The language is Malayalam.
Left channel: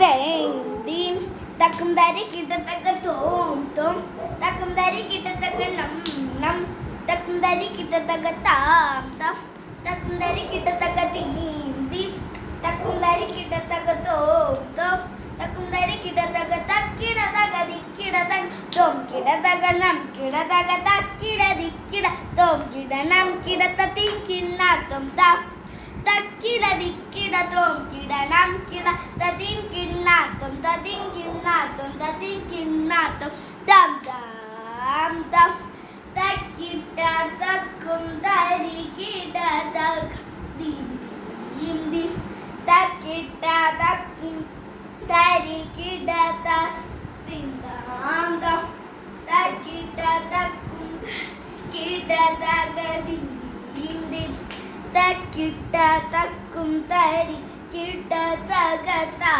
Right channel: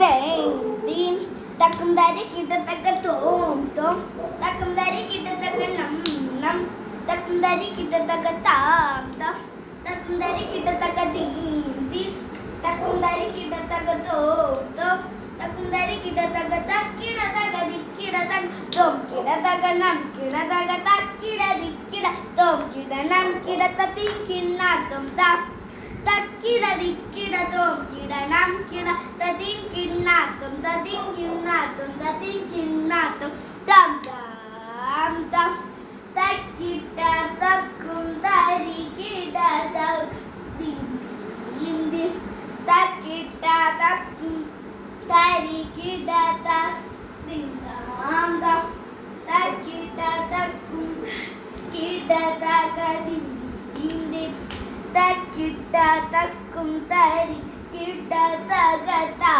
തേന്തി തക്കും തരി കിട്ടത്തക്ക തോം തോം തക്കും തരി കിട്ടത്തക്ക നം നം തക്കും തരി കിട്ടത്തക്ക താം താം തക്കും തരി കിട്ടത്തക്ക തീന്തി തക്കും തരി കിട്ടത്തക്ക തോം തോം തക്കും തരി കിടതക തക്കിടതക ദിക്കിടതക തോം കിടതക നം കിടതക തക്കിട ദിക്കിട തോം കിട നം കിടത തിങ്കിണ്ണാത്തോം താം തക്കിട ദിക്കിട തോം കിട നം കിട തതിങ്കിണ്ണാത്തോം തതിങ്കിണ്ണാത്തോം തതിങ്കിണ്ണാത്തോം താം താം താം തക്കിട തക്കും തരി കിടതക ദിന്തി തക്കിട തക്കും തരി കിടത ദിന്ദാന്ദം തക്കിട തക്കും കിടതക ദിന്ദി തക്കിട തക്കും തരി കിടതക താ